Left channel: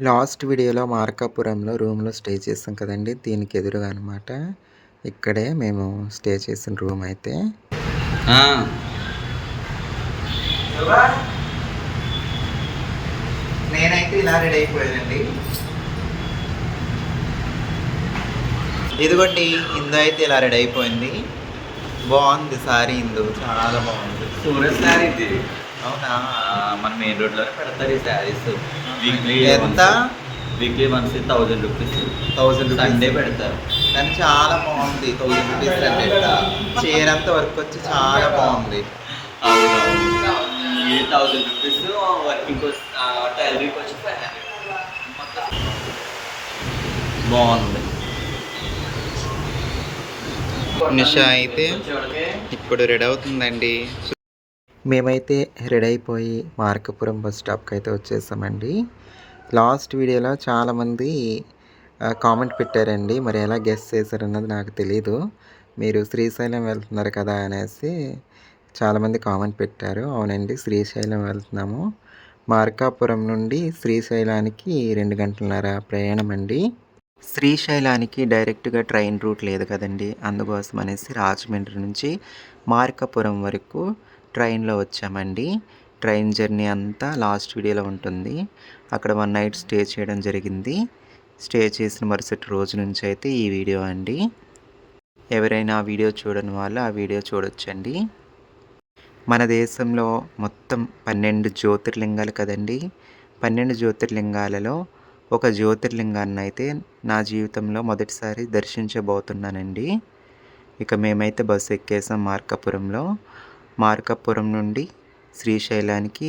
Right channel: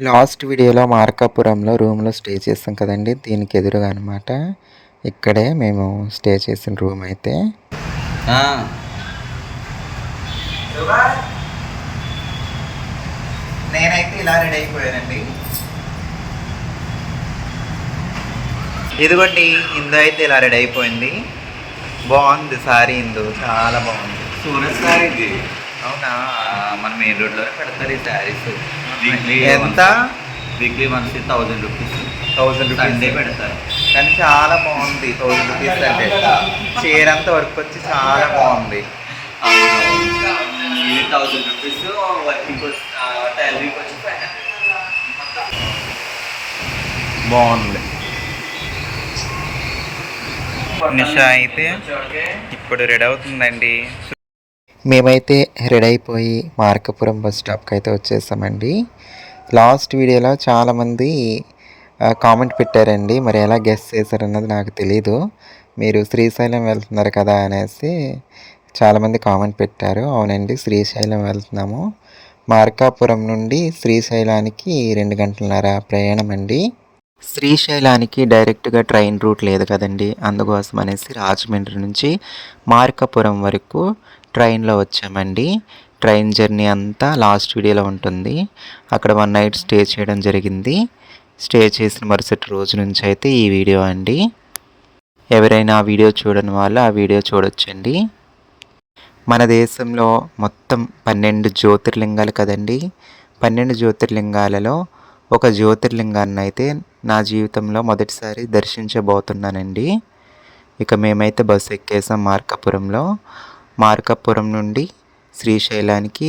Last వీడియోలో మార్కాపురంలో రూమ్‌లో stay చేసాం కదండీ! దీనికి ఎదురుగా అనమాట. ఇక్కడే మేము స్టే చేసిన రూమ్ అయితే. ఆ! నేనైతే ఇలా రెడీ అయిపోయానండి. ఇదిగోండి ఇందు అయితే ఇలా రెడీ అయిపోయింది. బాగుంది సారీ ఇందు, చాలా బాగుంది. సూరత్ శారీ ఇది. అవునా? మన మెయిన్ రోడ్లోనే పెడతారు ఈ శారీస్. వీక్లీ ఎంత? Weekly once 1000 rupees. 1000 rupees Sunday పెడతారు. కానీ చాలా బాగుంది. 1000 రూపీస్ అంటే చీర అంతా వర్క్ వచ్చి చాలా బాగుంది. అవునవును. ఇది 1000 రూపీస్ వర్కింగ్ టైలరింగ్ వచ్చి బాగుంది. నిషా అయితే ఇప్పుడు రెడీ అవుతుందండి. మేమైతే రెడీ అయిపోయి మార్కాపురం బస్ స్టాప్కి అయితే వచ్చేసామండి. లాస్ట్ వీడియోలో చాలామంది కామెంట్ పెట్టారండి. మరి ఎలా గెస్ చేశారన్నది నాకు తెలీదు. మీరు శ్రీశైలం వెళ్తున్నారు కదా అనేసి చాలామంది కామెంట్ పెట్టారు. అవునండి, శ్రీశైలం వెళ్తున్నాము. మార్కాపురం నుండి శ్రీశైలానికి 2 గంటలన్నర ప్రయాణం అండి. శ్రీశైలానికి డైరెక్ట్గా ట్రైన్ రూట్ లేదు కదండి, అందుకోసం అనేసి రాజమండ్రి నుంచి మార్కాపురం వరకు ట్రైన్లో వచ్చామండి. ట్రైన్ జర్నీ అంతా లాస్ట్ వీడియోలో ఉంటుంది. అక్కడ 1 నైట్ స్టే చేయడం జరిగింది. స్టే చేసిన మరుసటి రోజు నుంచి అయితే ఈ వీడియో అండి. ఎవరైనా ఆ వీడియో చూడని వాళ్ళు ఆ వీడియో చూడొచ్చండి. మన దేశంలో మొత్తం 12 జ్యోతిర్లింగాలు కదండి. 12 జ్యోతిర్లింగాలలో ఒక జ్యోతిర్లింగాన్ని అయితే నా జీవితంలో మొదటిసారి దర్శించబోతున్నానండి. ఇక మేమైతే బస్సు ఎక్కేసాం మార్కాపురంలో. మార్కాపురం నుండి శ్రీశైలానికి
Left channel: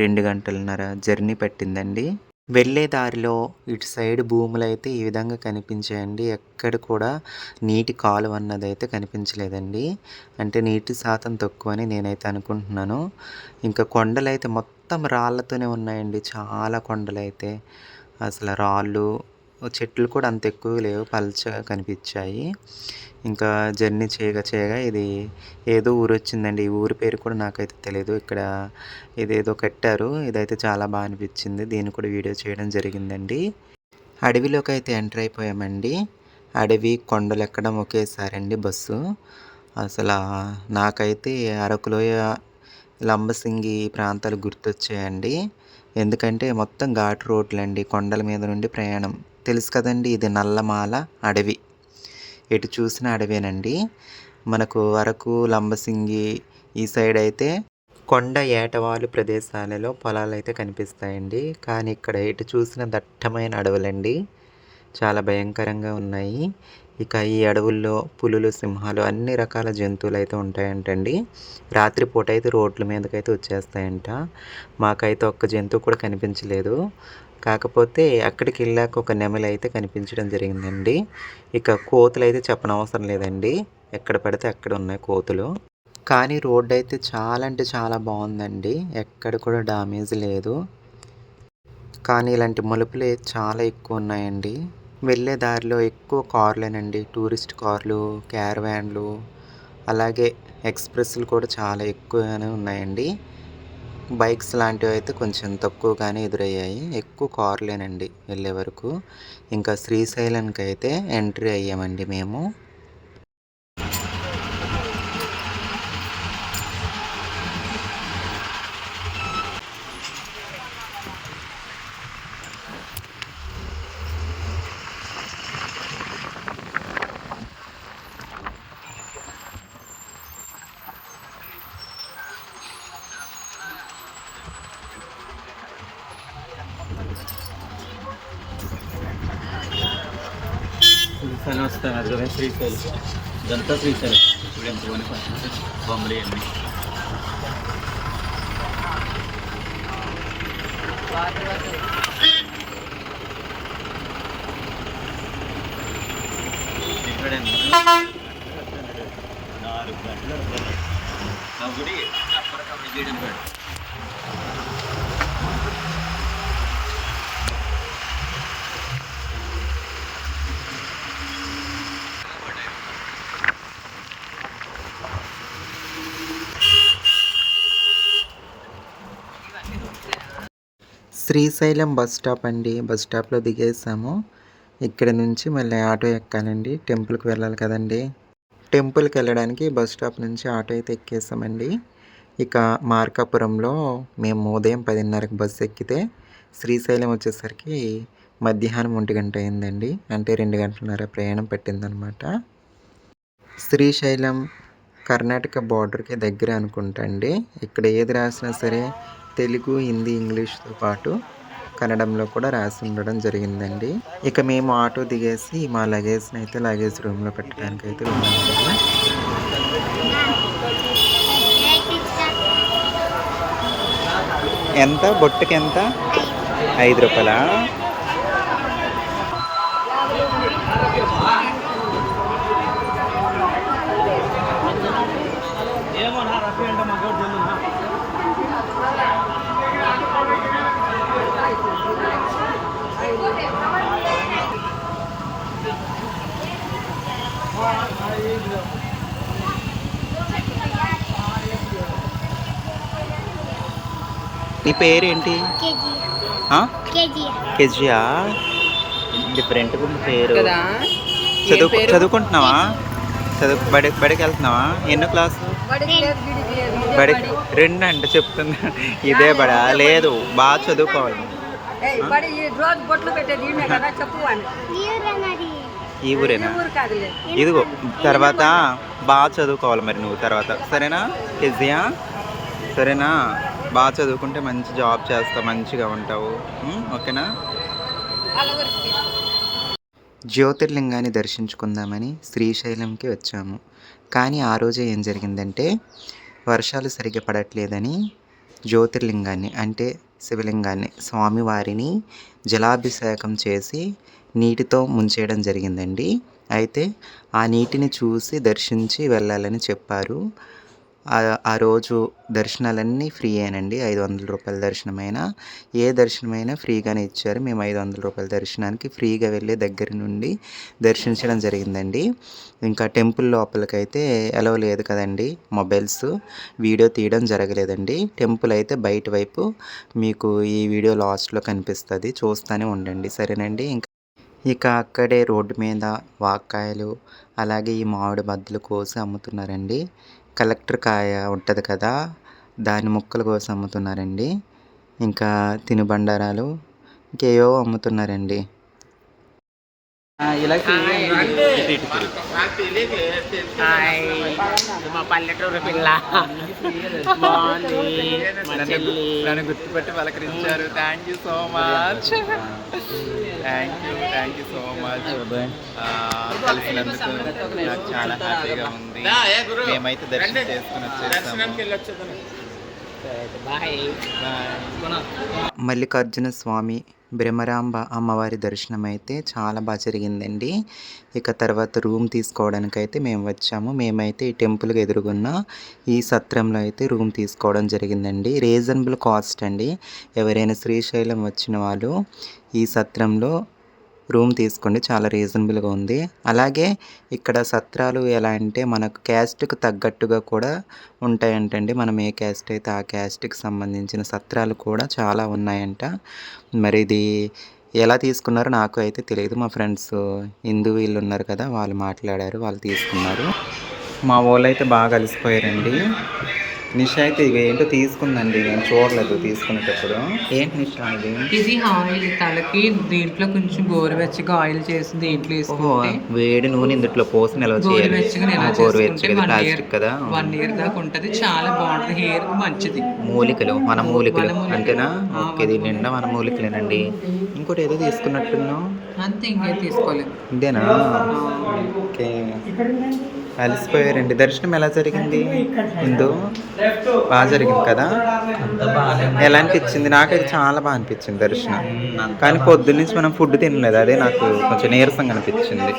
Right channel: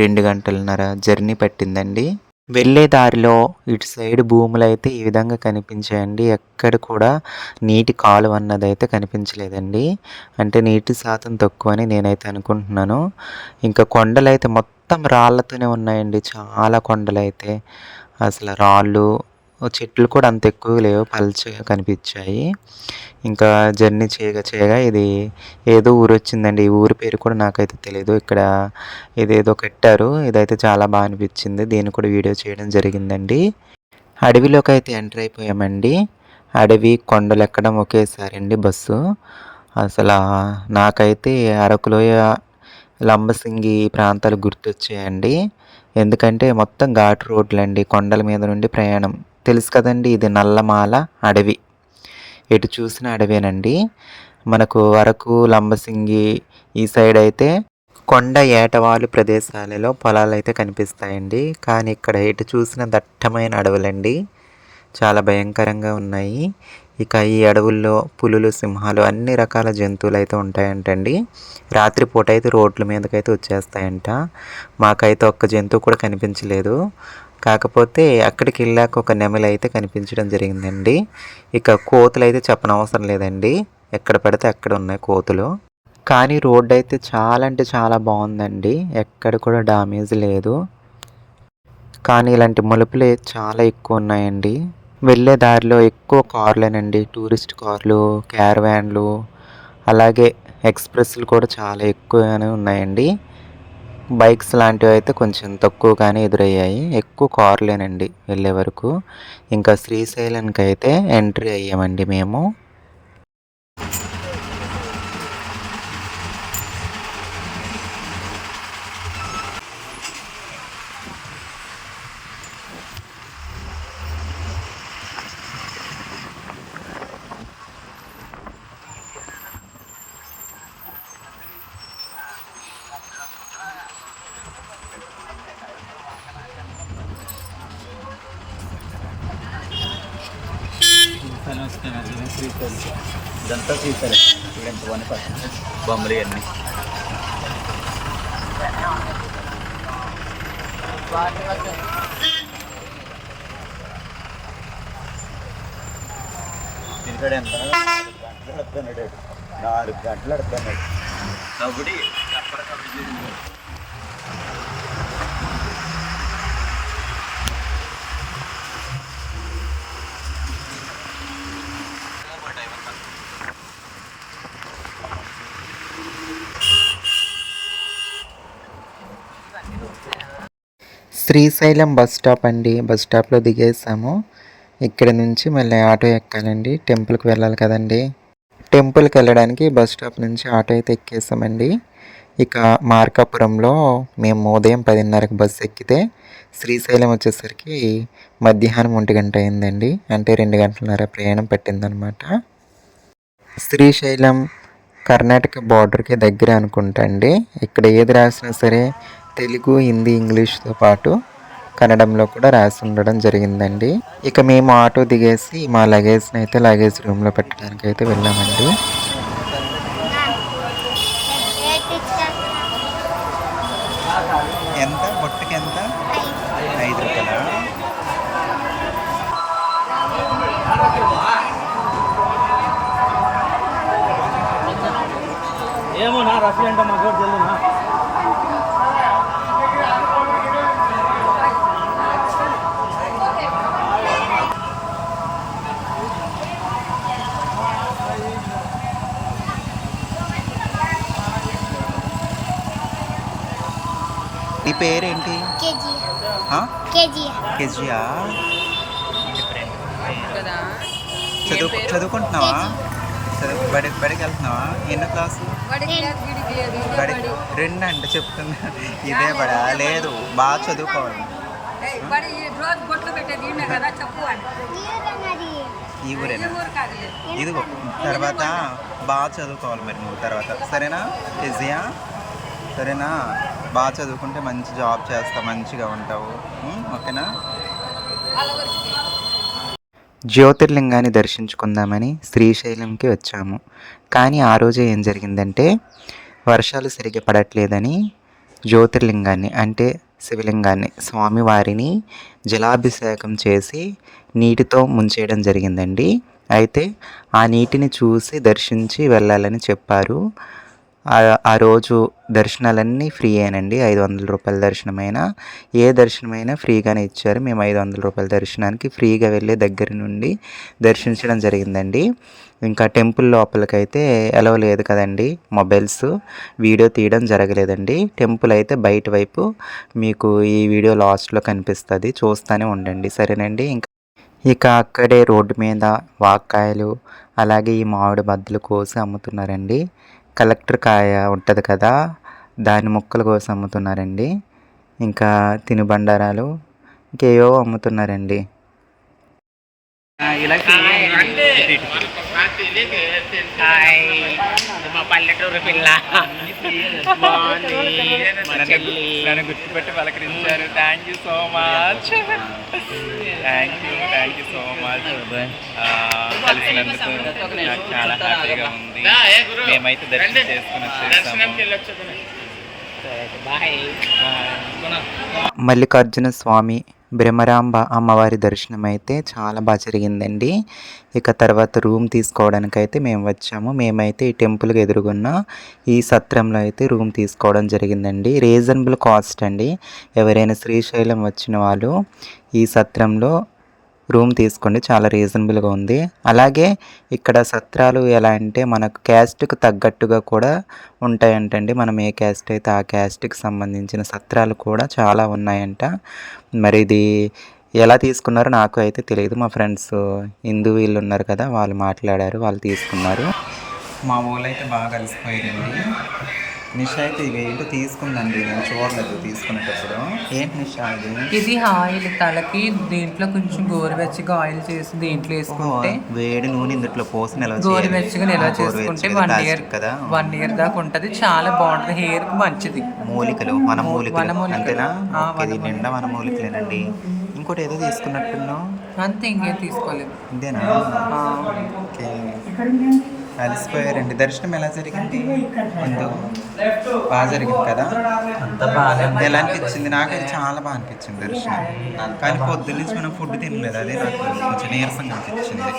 2 గంటలన్నర జర్నీ పట్టిందండి. వెళ్ళే దారిలో ఇటు సైడ్ భూములు అయితే ఈ విధంగా కనిపించాయండి. ఎక్కడ కూడా నీటి కాలువ అన్నది అయితే కనిపించలేదండి. అంటే నీటి శాతం తక్కువ అని నేనైతే అనుకుంటున్నాను. ఇంకా కొండలైతే మొత్తం రాళ్ళతోనే ఉన్నాయండి. చాలా కొండలైతే అసలు రాళ్ళు, చెట్లు కూడా అంత ఎక్కువ లేవు, పల్చగా కనిపించాయి. ఇంకా జర్నీ చేయగా ఇది ఏదో ఊరు వచ్చిందండి. ఈ ఊరి పేరు కూడా నాకైతే తెలియదు. ఇక్కడ ఇదేదో కట్టారు. ఇదైతే చాలా బాగా అనిపించింది. దీన్ని కూడా వీడియో చేయడం జరిగిందండి. అడవిలోకి అయితే ఎంటర్ అయిపోయామండి. అడవి, కొండలు ఎక్కడం ఒకేసారి అండి బస్సు. అసలు నాకైతే అరకులోయ, లంబసింగి ప్రాంతాలు గుర్తొచ్చాయండి. ఎందుకంటే మొత్తం ఘాటు రోడ్లండి, కొండల మీద నుండి ప్రయాణం. తెలుసు కదండి, ఇది నల్లమాల అడవి. ఎటు చూసిన అడవేనండి. మనకు అరకు, లంబసింగి ఈ సైడ్ అయితే కొండ ఏటవాలు ప్రదేశాలలో పొలాలు అయితే కనిపిస్తాయండి. కానీ ఇక్కడ ఎటు చూసిన దట్టమైన అడవులండి, చాలా భయంకరంగా ఉన్నాయి. ఇక ఈ అడవుల్లో పులులు, సింహాలు, అన్ని రకాల జంతువులు అయితే ఉంటాయంటండి. రాత్రిపూట అయితే రోడ్ల మీదకైతే వచ్చేస్తాయంట. మాకైతే ఒక్క జంతువు కూడా కనిపించలేదు. కాకపోతే అక్కడికి వెళ్ళాక ఒక నెమలి అయితే కనిపించడం జరిగిందండి. ఇక కోతులు అయితే చెప్పనవసరం లేదండి, ఎక్కడ పడితే అక్కడ ఉన్నాయి కోతులు. కానీ రోడ్డు అయితే చాలా అంటే చాలా బాగుందండి. ఎక్కడ కూడా డామేజ్ లేదు. కానీ ఇలాంటి మలుపులు చాలా ఎక్కువ ఉన్నాయండి. వెళ్ళే దారిలో ఎక్కువ కార్లేనండి. టూరిస్ట్ కార్లు, క్యారవాన్లు, అలాగే ఎక్స్‌ప్రెస్‌లు కూడా చాలా ఎక్కువగానే ఉన్నాయండి. బైక్స్ లాంటివి అయితే కొంచెం తక్కువగానే ఎదురయ్యాయి. ఎక్కువ కార్లేనండి వెళ్ళే వరకు. ఇంకా శ్రీశైలంకి అయితే ఎంట్రీ అయ్యామండి మేము. శ్రీశైలం వస్తున్నారు కదా, శ్రీశైలం ఇదంతా శ్రీశైలం. ఇప్పుడు ఎంత పని పడుతుంది, బొమ్మలు అన్నీ. ఇక్కడ ఎంత 4 గంటలు అడుగుతున్నాడు కబడ్డీ, అప్పటి కబడ్డీ చేయడం కాడు. శ్రీశైలం బస్ స్టాప్ అండి. బస్ స్టాప్లో దిగేసాము. ఇక్కడ నుంచి మళ్ళీ ఆటో ఎక్కాలండి. టెంపుల్కి వెళ్ళాలి కదండి. టెంపుల్కి వెళ్ళడానికి బస్ స్టాప్ నుంచి ఆటో అయితే ఎక్కేసామండి. ఇక మార్కాపురంలో మేము ఉదయం 10:30కి బస్సు ఎక్కితే శ్రీశైలం వచ్చేసరికి మధ్యాహ్నం 1 గంట అయిందండి. అంటే 2 గంటలన్నర ప్రయాణం పట్టిందనమాట. శ్రీశైలం కర్ణాటక బార్డర్కి దగ్గర అనుకుంటా అండి. ఇక్కడ ఏది రాసినా సరే తెలుగు, హిందీ, ఇంగ్లీష్తో పాటు కన్నడంలో కూడా రాసి ఉండడం జరిగిందండి. ఇక మేము ఆటో దిగేసి మా లగేజ్ని అయితే లగేజ్ రూమ్లో పెట్టడానికి అయితే వెళ్ళామండి. ఎంత బొట్టుకి ఎంత? 5 రూపాయలా? నీ పేరేంటి? కేజియా. డిఫరెంట్ పేరు. చదువుకుంటున్నావా? బడికి వెళ్తున్నావా? ఎన్నో క్లాసు? బడి 2 అంటే చెప్తుంది. ఇదే బడా? లేదు, బాగా చదువుకోవాలి. ఈ ఊరేనా? ఇదిగో తర్వాత బాగా చదువుకోవాలి మరి నువ్వు తర్వాత, సరేనా కేజియా? సరేనా? బాగా చదువుకుంటే మంచి జాబ్ చేస్తావు, మంచిగా ఉంటావు, ఓకేనా? జ్యోతిర్లింగాన్ని దర్శించుకుందామని శ్రీశైలంకి వచ్చాము. కానీ ఆ రోజే ఏం జరిగిందంటే వర్షాలు సరిగ్గా పడట్లేదని జ్యోతిర్లింగాన్ని అంటే శివలింగాన్ని స్వామివారిని జలాభిషేకం చేసి నీటితో ముంచేయడం జరిగిందండి. అయితే ఆ నీటిని చూసి దర్శించి వెళ్ళాలని చెప్పారు. ఆ రోజు దర్శనాలన్నీ ఫ్రీ అయినండి. 500 రూపాయల దర్శనమైనా ఏ దర్శనమైనా ఫ్రీగానే ఇచ్చారు. మేము 500 రూపాయల దర్శనానికి ఫ్రీగా వెళ్ళే దగ్గర నుండి దర్శించడం జరిగిందండి. ఇంకా టెంపుల్ లోపలికైతే ఎలవ్ లేదు కదండి, మొబైల్స్ వీడియో తీయడం జరగలేదండి. టెంపుల్ అయితే బయట వైపు మీకు ఈ వీడియో లాస్ట్లో కనిపిస్తుంది, చూస్తూనే ఉండండి, సరేనండి? ఇక అక్కడే రోడ్డు మీద వాక్కాయలు అలాగే ఈ మామిడి బద్దలు కోసి అమ్ముతున్నారండి. కలెక్టర్ కాయ ఉంటుంది కదా, దాని ముక్కలు కోసి అమ్ముతున్నారండి. ఇంకా తినుబండారాలు ఇంకేవో అమ్ముతున్నారండి. పల్లెటూరు పిల్ల నన్ను గుర్తుపెట్టి పలకరించారు. Thank you so much. Thank you so much. కలిసినందుకు నాకు చాలా హ్యాపీగా ఉంది. మేమైతే దర్శనం చేసుకుని వచ్చేసాము. మల్లికార్జున స్వామి, బ్రహ్మరాంబ అమ్మవారి దర్శనం అయితే చాలా బాగా జరిగిందండి. ఇక తర్వాత రూమ్ తీసుకోవడానికి అయితే మేము వచ్చాము. మేమైతే ఈ టెంపుల్కి ఎదురుగున్న ఈ సత్రంలో అయితే రూమ్ తీసుకోవడం జరిగిందండి. రీజనబుల్ కాస్ట్ అండి. ఎవరైనా శ్రీశైలం వచ్చిన వాళ్ళు ఈ సత్రంలో రూమ్ తీసుకోండి, చాలా రీజనబుల్గా ఉంది. అలాగే ఇక్కడ సత్రాలు ఎలా అంటే మనకు క్యాస్ట్కి తగ్గట్టుగా కూడా ఉంటాయంటండి. మనం ఏ క్యాస్ట్ అయితే ఆ క్యాస్ట్కి సంబంధించిన సత్రాలు కూడా చాలా ఉన్నాయంట. మరి ఇది ఎలా తీసుకున్నారో నాకు అయితే తెలియదు. మా ఫ్రెండ్స్ హిందూ వీళ్ళు ఉన్నారు కదా, వాళ్ళు మాట్లాడారు, వాళ్ళు తీసుకున్నారు. మా వాళ్ళు అయితే బాగా కలిసిపోయారండి. నిషా అయితే ఇక ఏంటో తీసుకుందండి, నేను చూడలేదు తీసుకునేటప్పుడు. ఏంటి నిషా ఇది? ఇది ఆయిల్ తలకి, దీంట్లో కొంచెం గోరువెచ్చగా ఆయిల్ చేసి దీంట్లో వేసుకుంటే వేడి నూనె ఇందులో పోసి నిల్వ గోరువెచ్చగా నిల్వ చేసుకుంటే 1 year కదా, 1 year దాకా ఉంటుంది. చాలా బాగుంటుంది, హెయిర్ కి మంచిది. మూలికలు, మన మూలికలు అంతేనా? ఓకే, ఇది నిండా మన మూలికలేనండి. ఇంకోటి ఏదో తీసుకున్నట్టున్నావు అంతే, ఇంకేం తీసుకోలేదు. ఇదేనా? ఓకే, కలిసిపోయారండి. దర్శనం ఎలా జరిగింది? ముందు బాగా జరిగింది కదా? అంతా బాగా ఎలా అనిపించింది? నాకైతే చాలా బాగా అనిపించింది దర్శనం. కానీ పొద్దున్న నుంచి మనం ఫుడ్ తినలేదు, అదే నాకు కొంచెం నీరసంగా అనిపించింది.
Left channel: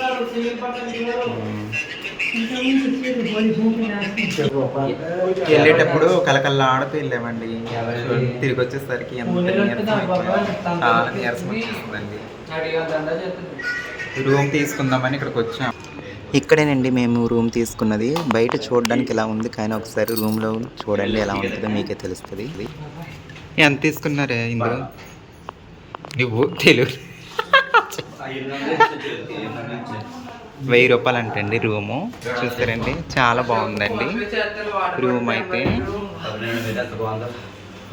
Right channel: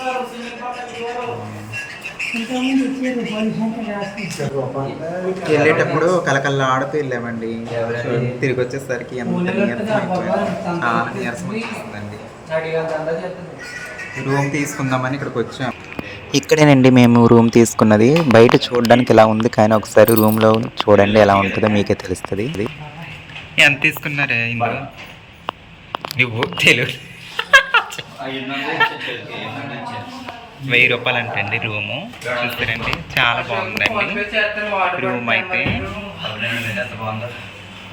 వెళ్ళేటప్పుడు కలకల్లా ఆడుతూ వెళ్ళామండి. తిరిగి వచ్చేసరికి ఎంత నీరసం అయిపోయాం, చాలా నీరసం వచ్చేస్తుందండి. రూమ్ తీసుకుందామని ఇక్కడికి వచ్చాం. ఇక్కడేనండి మేము రూమ్ తీసుకున్నది. బయట చూడడానికి ఎలా ఉంది, కానీ ఒకసారి రూమ్లో చూడండి ఎలా ఉంటుందో మీకే తెలుస్తుంది. ఎంత తీసుకున్నారే ఇందులో? నువ్వు తెలుగు 1000 రూపాయలు అంటండి రూము. చూస్తారండి చాలా బాగుందండి రూమ్ అయితే.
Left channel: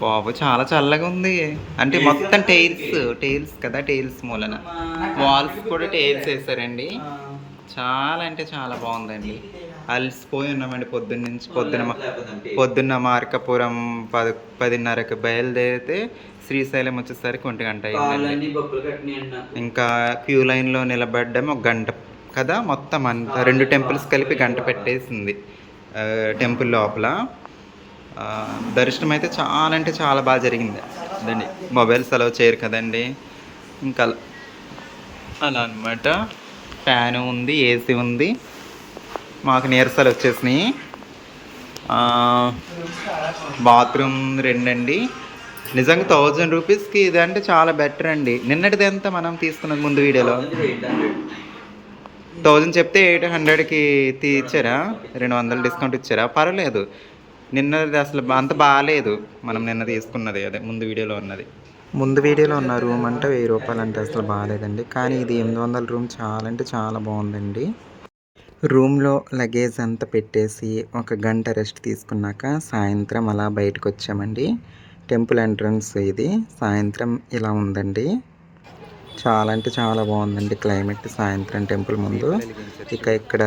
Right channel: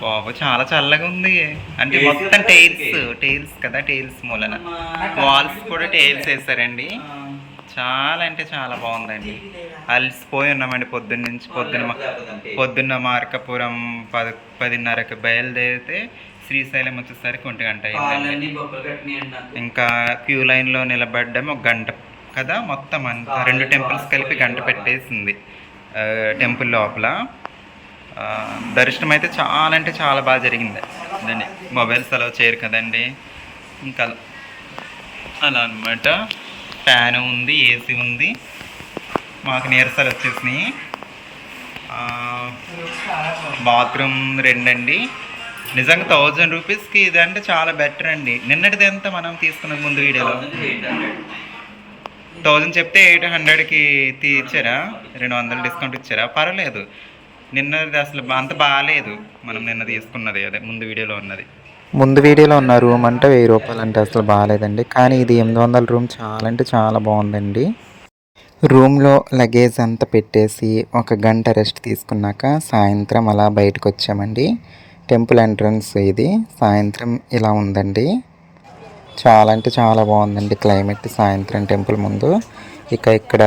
బాబు చాలా చల్లగా ఉంది. అంటే మొత్తం టైల్స్ కదా, టైల్స్ మూలన వాల్స్ కూడా టైల్స్ వేసారండి. చాలా అంటే చాలా బాగుందండి. అలసిపోయి ఉన్నామండి పొద్దున్న మార్కాపురం 10:30కి బయలుదేరితే శ్రీశైలం వచ్చేసరికి 1 గంట అయిందండి. ఇంకా క్యూ లైన్లో నిలబడ్డాము 1 గంట కదా. మొత్తం అంతా 2 టెంపుల్స్ కలిపి గంట పెట్టేసింది టెంపుల్ లోపల. దర్శనం అయితే చాలా అంటే చాలా బాగా జరిగింది అండి. మొబైల్స్ అలా చేయరు కదండి, ఇంకా అలా అనమాట. ఫ్యాన్ ఉంది, ఏసీ ఉంది. మాకు నీరసాలు వచ్చేసినాయి. బాత్రూమ్ 2 అండి. నిజంగా 1000 రూపీస్కి ఇది అంటే చాలా బెటర్ అండి. నిన్నటిది ఎంత మనం తీసుకున్నది ముందు వీడియోలో 1000 చెప్తే 800కి ఇచ్చారా, 200 డిస్కౌంట్ ఇచ్చారా, పర్వాలేదు. నిన్నది అసలు అంత బాగాలేదు. మనం నిన్న తీసుకున్నది అదే ముందు వీడియోలో ఉన్న రూమ్ అంటే 1000 రూపాయలు అంటే అసలు బాగాలేదండి. కానీ ఇది 800 రూమ్ చాలా అంటే చాలా బాగుందండి. రూమ్లో లగేజ్ అంతా పెట్టేసి 1 గంట రెస్ట్ తీసుకున్నాక సాయంత్రం అలా బయటకు వచ్చామండి. టెంపుల్ ఎంట్రన్స్ ఇది. సాయంత్రం ఇలా ఉందండి. చాలా అంటే చాలా బాగుందండి క్లైమేట్ సాయంత్రం టెంపుల్ ముందు. ఇక ఇక్కడ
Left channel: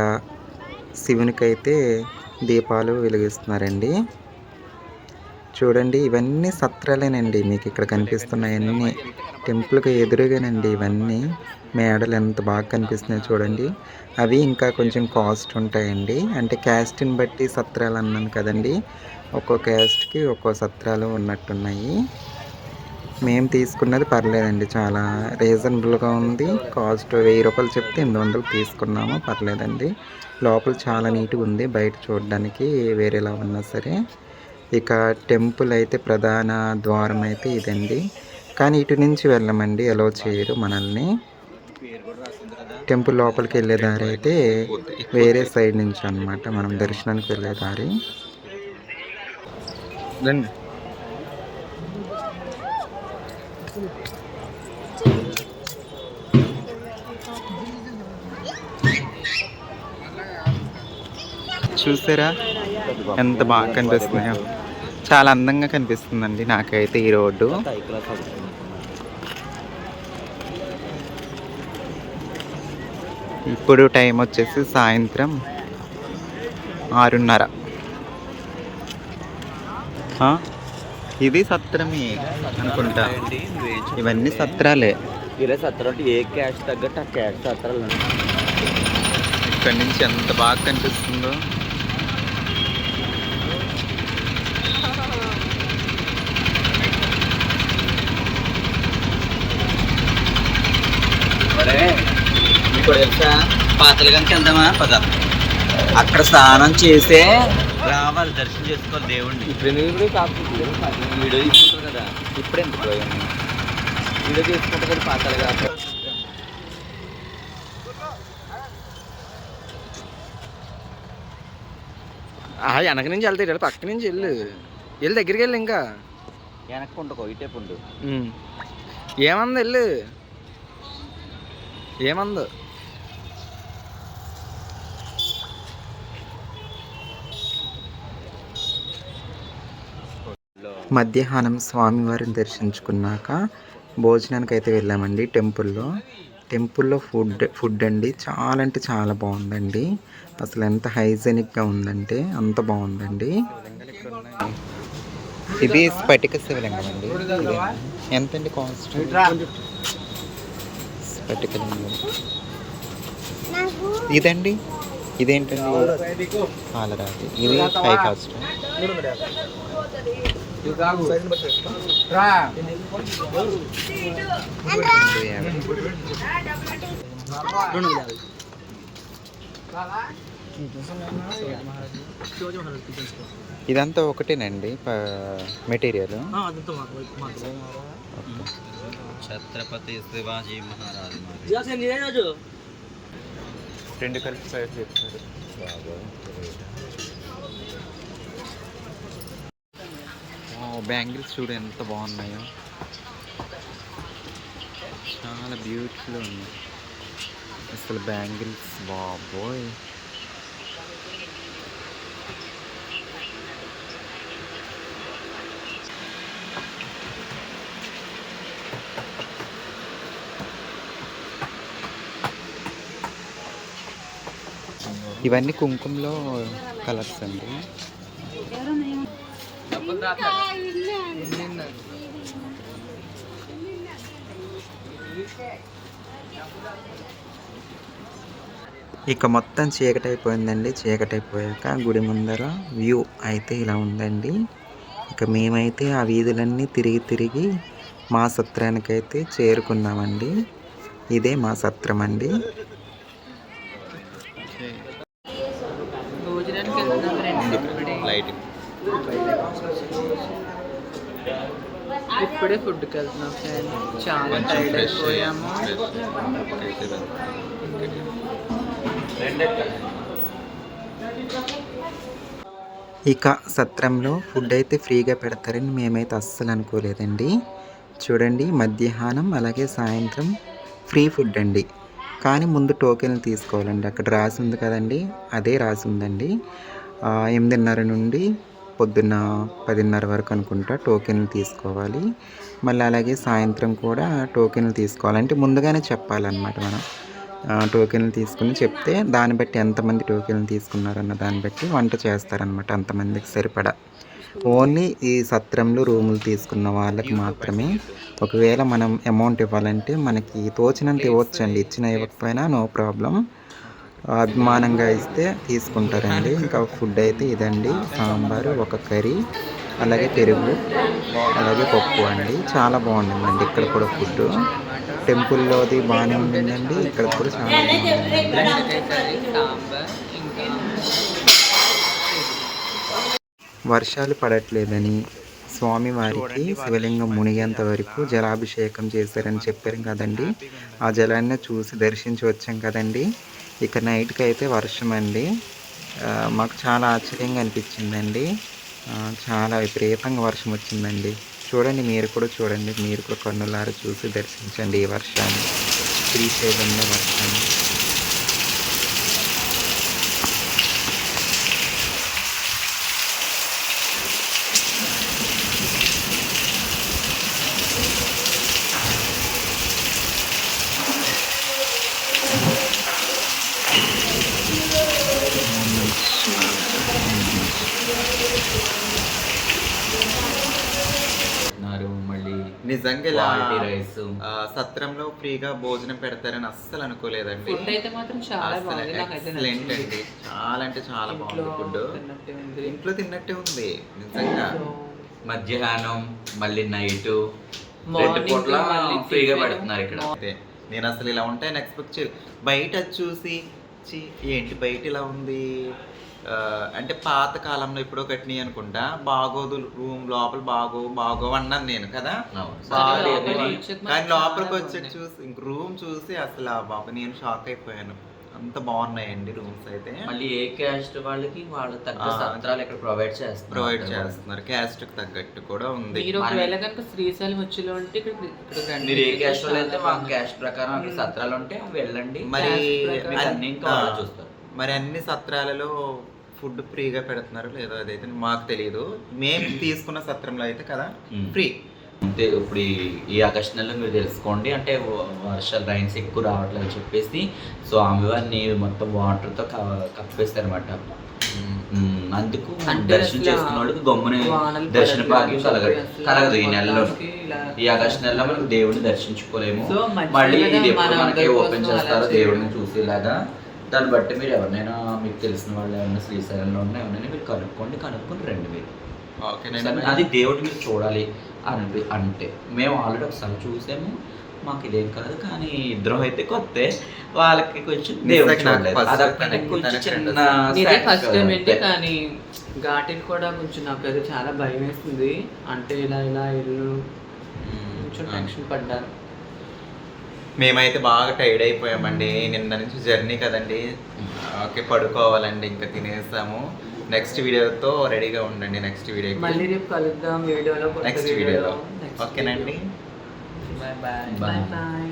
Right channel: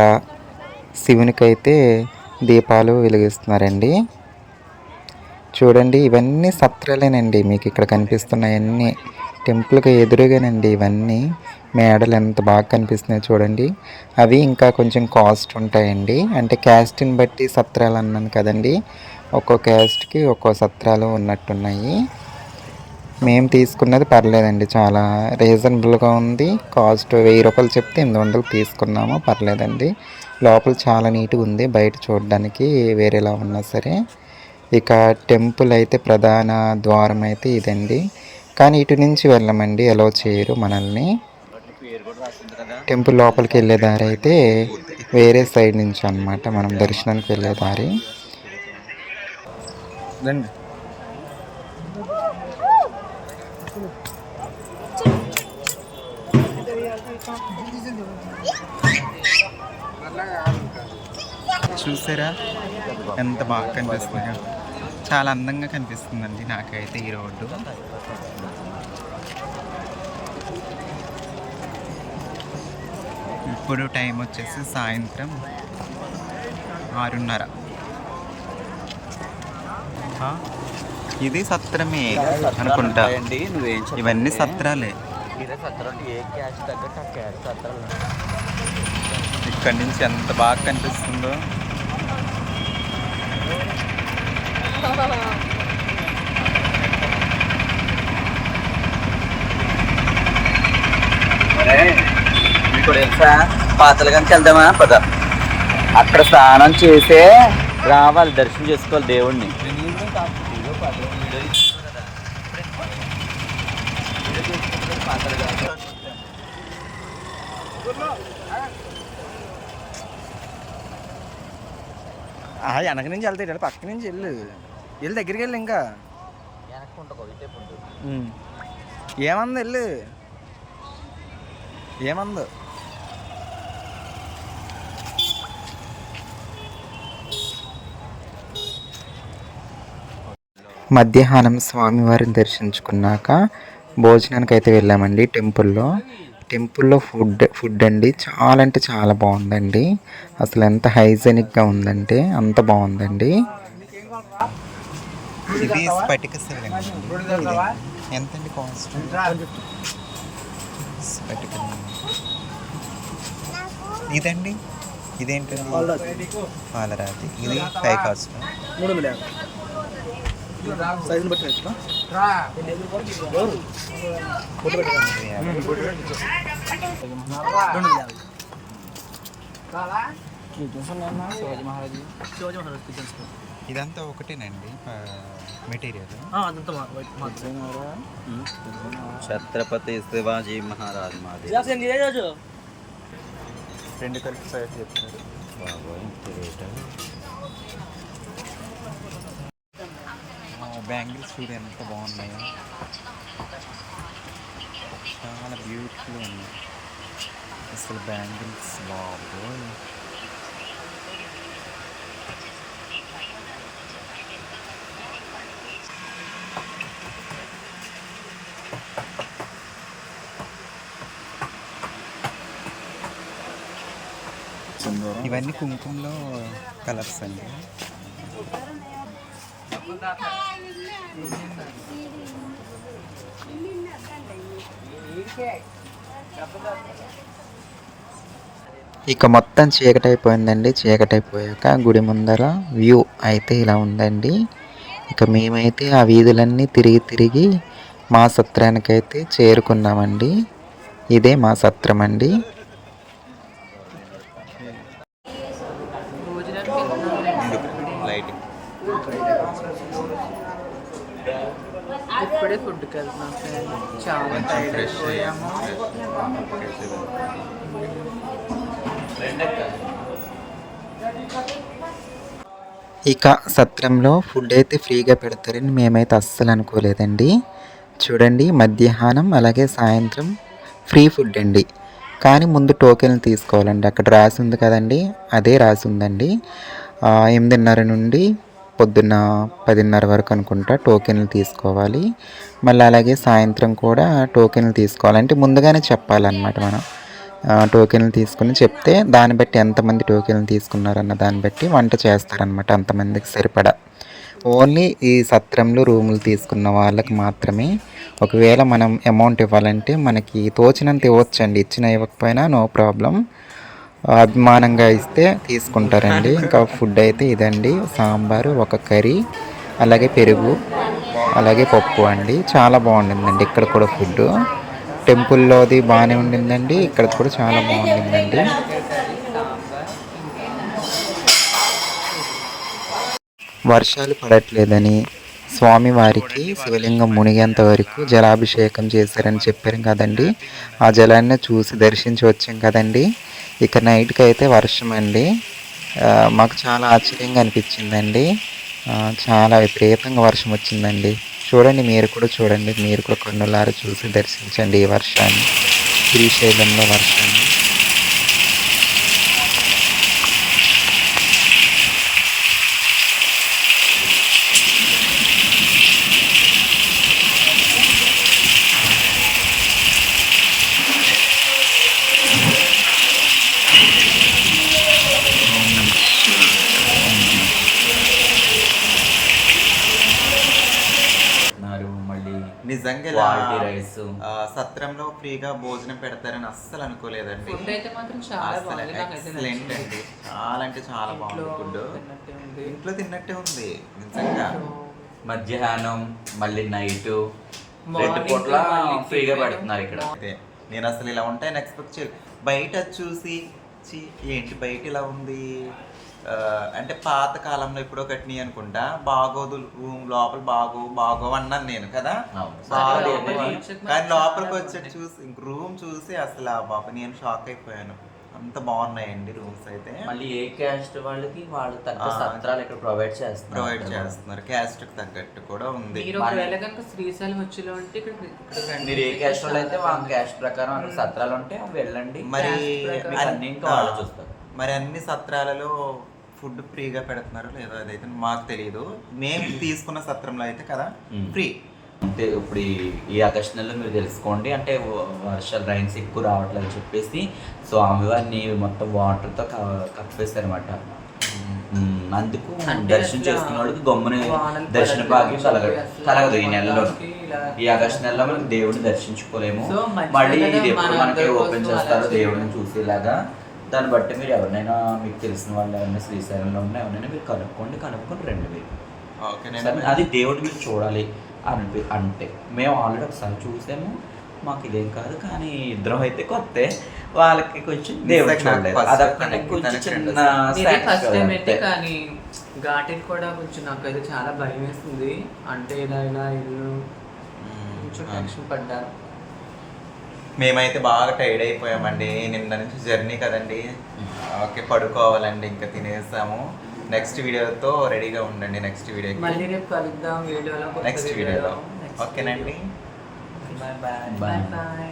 శివునికి అయితే దీపాలు వెలిగిస్తున్నారండి. చూడండి ఇవన్నీ సత్రాలేనండి. మీకు ఇక్కడ కనిపిస్తున్నాయన్నీ టెంపుల్కి ఎదురుగానండి. ఇవన్నీ మేడలు ఎంత బాగా కనిపిస్తున్నాయి చూడండి. అవి ఇంకా కొంచెం కాస్ట్ ఉంటాయండి. అంటే క్యాస్ట్ని బట్టి సత్రాలు అన్నాను కదండి. ఒక్కో క్యాస్ట్కి ఒక్కో సత్రాలు ఉన్నట్టున్నాయి. మేము తీసుకున్నది పర్లేదండి, చాలా రీజనబుల్గా ఉంది. కాస్ట్ 1000 రూపాయలు చెప్తే 800 తీసుకున్నాము, పర్లేదండి. లోపల చాలా నీట్గా ఉంది, బయట చూడడానికి వేరేలా ఉన్నా సరే. ఇక టెంపుల్ అయితే ప్రధాన ద్వారం అయితే ఇదండి. కానీ ఇటు నుంచి వెళ్ళమండి, అలౌ చేయరు మనల్ని. టెంపుల్ లోపలికి వెళ్ళే దారి అయితే వేరే సైడ్ నుంచి అన్నమాట, మనం దర్శనానికి వెళ్ళే దారి. చూసారా ఎంత బాగా కనిపిస్తున్నాయో, చాలా అందంగా కనిపిస్తుందండి నాకైతే ఈ రోడ్డు. ఇప్పుడు టైం వచ్చేసి సాయంత్రం 6:30. ఇది సత్రమే అనుకుంటా, ఇవన్నీ సత్రాలే. ఇక్కడి నుంచి ఎంత బాగా కనిపిస్తుందో. ఇప్పుడు తెలుసా పాతలగంకి వెళ్దామా పద. అక్కడ స్నానం చేసే రావాలి, దర్శనం చేసుకోవాలి దేవుణ్ణి. వీడియో తీసుకుంటారు కదా, ఇప్పుడు ఎందుకు వీడియో తీసుకుంటారు కదా పాతలగా. వెనక నుంచి వెళ్తాయి, పక్క నుంచి వెళ్ళి దగ్గరికి వెళ్ళి ఇంకా వెనక్కుంటుకో, ఇటే పుండు. ఏమంది వెళ్ళు, ఏమందో. మధ్యాహ్నం స్వామివారిని దర్శించుకున్నాక భోజనానికి అయితే వెళ్ళామండి టెంపుల్లో ఫుడ్ అండి చాలా అంటే చాలా బాగుందండి. అసలు ఎంత హైజెనిక్గా ఉందంటే అంత బాగుందండి. ఇది స్ఫటిక శివలింగం అండి. ఇది ఎంతండి కాస్ట్? స్ఫటిక లింగం ఇదండి. ఇదేంటండి? పాలరాతి. ఇది హై కాస్ట్. ఇదంతా ఒకటేనండి మెటీరియల్. ఛత్రపతి శివాజీ మహారాజ్ 2 కలిపి 5 చెప్తారు. బ్యాంగిల్స్ చూడు ఎంత బాగున్నాయో. చాలా బ్యూటిఫుల్ ఉన్నాయి అసలు బ్యాంగిల్స్ బాబోయ్. ఇవన్నీ కుంకుమలో కలర్స్ అండి. ఇక మొత్తం చీకటి అయిపోయిందండి. చీకటి అయిపోయాక గుడి ముందర వ్యూ అయితే ఇలా ఉందండి. ఇక మేమైతే ఆ వీధులన్నీ తిరిగి తిరిగి మా సత్రానికైతే చేరుకున్నామండి. ఇదే మా సత్రం అండి. ఇప్పుడే ఫుడ్కి వెళ్తున్నాం. చాలా కొంచెం tired ఫ్రెష్ అయిపోయాము. ఇక సత్రంలో ఫుడ్ అయితే ఫ్రీగా పెడతారని మేమైతే అస్సలు అనుకోలేదండి. చూడండి, మధ్యాహ్నం అలాగే సాయంత్రం ఫ్రీ ఫుడ్ అండి. కానీ ముందు టోకెన్లు తీసుకోవాలండి. అక్కడ రాసి ఉంది కదండి, అదే రాసి ఉందండి. 8:30 నుండి పొద్దున్న 10:30 వరకు అనుకుంటా టోకెన్లు తీసుకోవాలి. మళ్ళీ అలాగే సాయంత్రం కూడా టోకెన్లు తీసుకోవాలి. అంటే ముందుగానే చెప్పాలన్నమాట మనం. టోకెన్లు తీసుకుని చెప్తే దాన్ని బట్టి ఎంతమంది టోకెన్లు తీసుకున్నారన్న దాన్ని బట్టి వంట చేస్తారనమాట, అంతమందికి సరిపడా. ఓన్లీ ఈ సత్రంలో రూములు తీసుకున్న వాళ్ళకి మాత్రమే. ఒకవేళ మనం అమౌంట్ ఇవ్వాలంటే మనకి తోచినంత ఇవ్వచ్చండి, ఇచ్చినా ఇవ్వకపోయినా నో ప్రాబ్లం. అభిమానంగా ఇస్తే తీసుకుంటారండి. ఇంకా ఫుడ్ అయితే ఇదండి, సాంబారు, ఒక కర్రీ, అలాగే పెరుగు, అలాగే పప్పు అండి. చాలా బాగుండిందండి ఇక్కడ కూడా ఫుడ్. టెంపుల్లోది బాగానే ఉండిందండి, ఇక్కడ కూడా చాలా బాగుండిందండి. సాంబార్ ఇంకా వర్షాలు పడట్లేదని స్వామివారికి శివలింగం మునిగేంత వరకు జలాభిషేకం చేశారని చెప్పారు కదండి. ఆ జలాన్ని చూసి దర్శించి వచ్చాం కదండి. ఇక నైట్కి అయితే వర్షం అండి. మాకు చాలా ఆశ్చర్యంగా అనిపించిందండి. చాలా విపరీతంగా వర్షం వచ్చిందండి. చూడండి, మీరు కూడా చూడండి, మీరు కూడా కన్నులారా చూసి దర్శించండి ఈ వర్షాన్ని, శ్రీశైలంలో వర్షాన్ని. మళ్ళీ నిజంగా ఇలా quality rice. సత్రంలో ఫ్రీగా భోజనం పెడతారని అస్సలు అనుకోలేదండి. ఫుడ్ అయితే మాత్రం చాలా అసలు బాగుంది. నాకైతే ఎక్సలెంట్ నచ్చింది. అండి, చాలా అంటే చాలా బాగుంది ఫుడ్. తిన్నట్టే ఉంది. ఇంట్లో తిన్నట్టే ఉంది నిజంగా. మధ్యాహ్నం మళ్ళీ నైట్ Morning రెండు పూట్ల మళ్ళీ ఫ్రీగా tiffin. పెడుతున్నారు ఇక్కడ. అయితే నేను అసలు ఇలా ఉంటాయని ఎక్స్పెక్ట్ చేయలేదు. బయట అది చూసి ఛీ, ఏంటి బయట ఇలా ఉంది, అంటే పాత కాలంలో ఎప్పుడో కట్టినాయి అనుకుంటా, బాగోదు రూమ్ లోపల బాగోవు అన్నాను నేను కదా. అవును. బాగోదు లోపలికి అని. వచ్చాక కానీ చాలా లోపలికి బాగుంది. వచ్చాక చూసి ఇంక రూమ్ చూసి అసలు బాబా నేను షాక్ అయిపోయాను. అంత బాగున్నాయండి రూమ్స్ అయితే. మళ్ళీ ఏ క్యాస్ట్ వాళ్ళకి వాళ్ళ తగ్గ సత్రాలు ఇక్కడ ప్రొవైడ్ చేస్తున్నారు. క్యాస్ట్ కి తగ్గట్టు కూడా ఉంది. మీరు ఒకవేళ కనుక శ్రీశైలం వచ్చేలో ఉంటే ఇక్కడ రండి. మీరు ఏ క్యాస్ట్ వాళ్ళు అయితే మా క్యాస్ట్ ప్రకారం అక్కడ సత్రాలు ఉంటే అవి వెళ్ళండి. మరి మీకు అన్ని ఇంకా వాళ్ళే చూస్తారు. మరి అన్ని సత్రాలలో ఫుడ్ ఫ్రీగా పెడుతున్నారు లేదో అదైతే మాకు తెలియదు. మేము తీసుకున్న సత్రంలో అయితే కదా ఫ్రీ. అంటే ఇప్పుడు ఈ ఆగస్టు నెలలో మీరు తెలుసుకోండి, అంటే వర్షాలు రైన్స్ ఎక్కువ రావట్లేదు అని చెప్పేసి సో అమ్మవారిని మొత్తం వాటర్తో కప్పేస్తారనమాట. అందుకు దర్శనం చేసుకున్న వాళ్ళకి గమ్ముని దర్శన భాగ్యం కలగదు ఈ నెలలో. ఈ ఆగస్టు నెలలో మనకి దేవుడిని దర్శించుకోలేము. మళ్ళీ ఇది ఎప్పుడు మనకి ఓపెన్ చేస్తారో దేవుడిని చూసేలాగా. దాన్ని బట్టి మీరు ఎవరినైనా మీకు తెలిసిన వాళ్ళు ఎవరైనా శ్రీశైలంలో ఉన్న ఎవరైనా మీరు కనుక్కొని రండి మీరు. అది దేవుడు మీరు చూడాలి అంటే మేము ఆల్రెడీ ఒకసారి చూసాము, మాకు ఇదేం కాదు. కానీ ఇద్దరం అయితే కొత్త, వాళ్ళకి కొంచెం ఫస్ట్ టైం ఏంటి, కానీ ఘాటిని కూడా కొంచెం నాకు అయితే చాలా భయం వేస్తుంది. అంటే ఇలా కొంచెం టెన్షన్ పడ్డాను. మేమైతే బాగా టైర్డ్ అయిపోయామండి నిన్న నుంచి జర్నీ కదండి. ఓకే, పడుకోవాలండి, ఇంకా తినేసాము. నెక్స్ట్ వీడియోతో రెడీగా ఉండండి. నెక్స్ట్ వీడియోకి మళ్ళీ రేపు కలుద్దాం వీడియోలో, నెక్స్ట్ వీడియోలో. ఓకేనండి, బాయ్ బాయ్.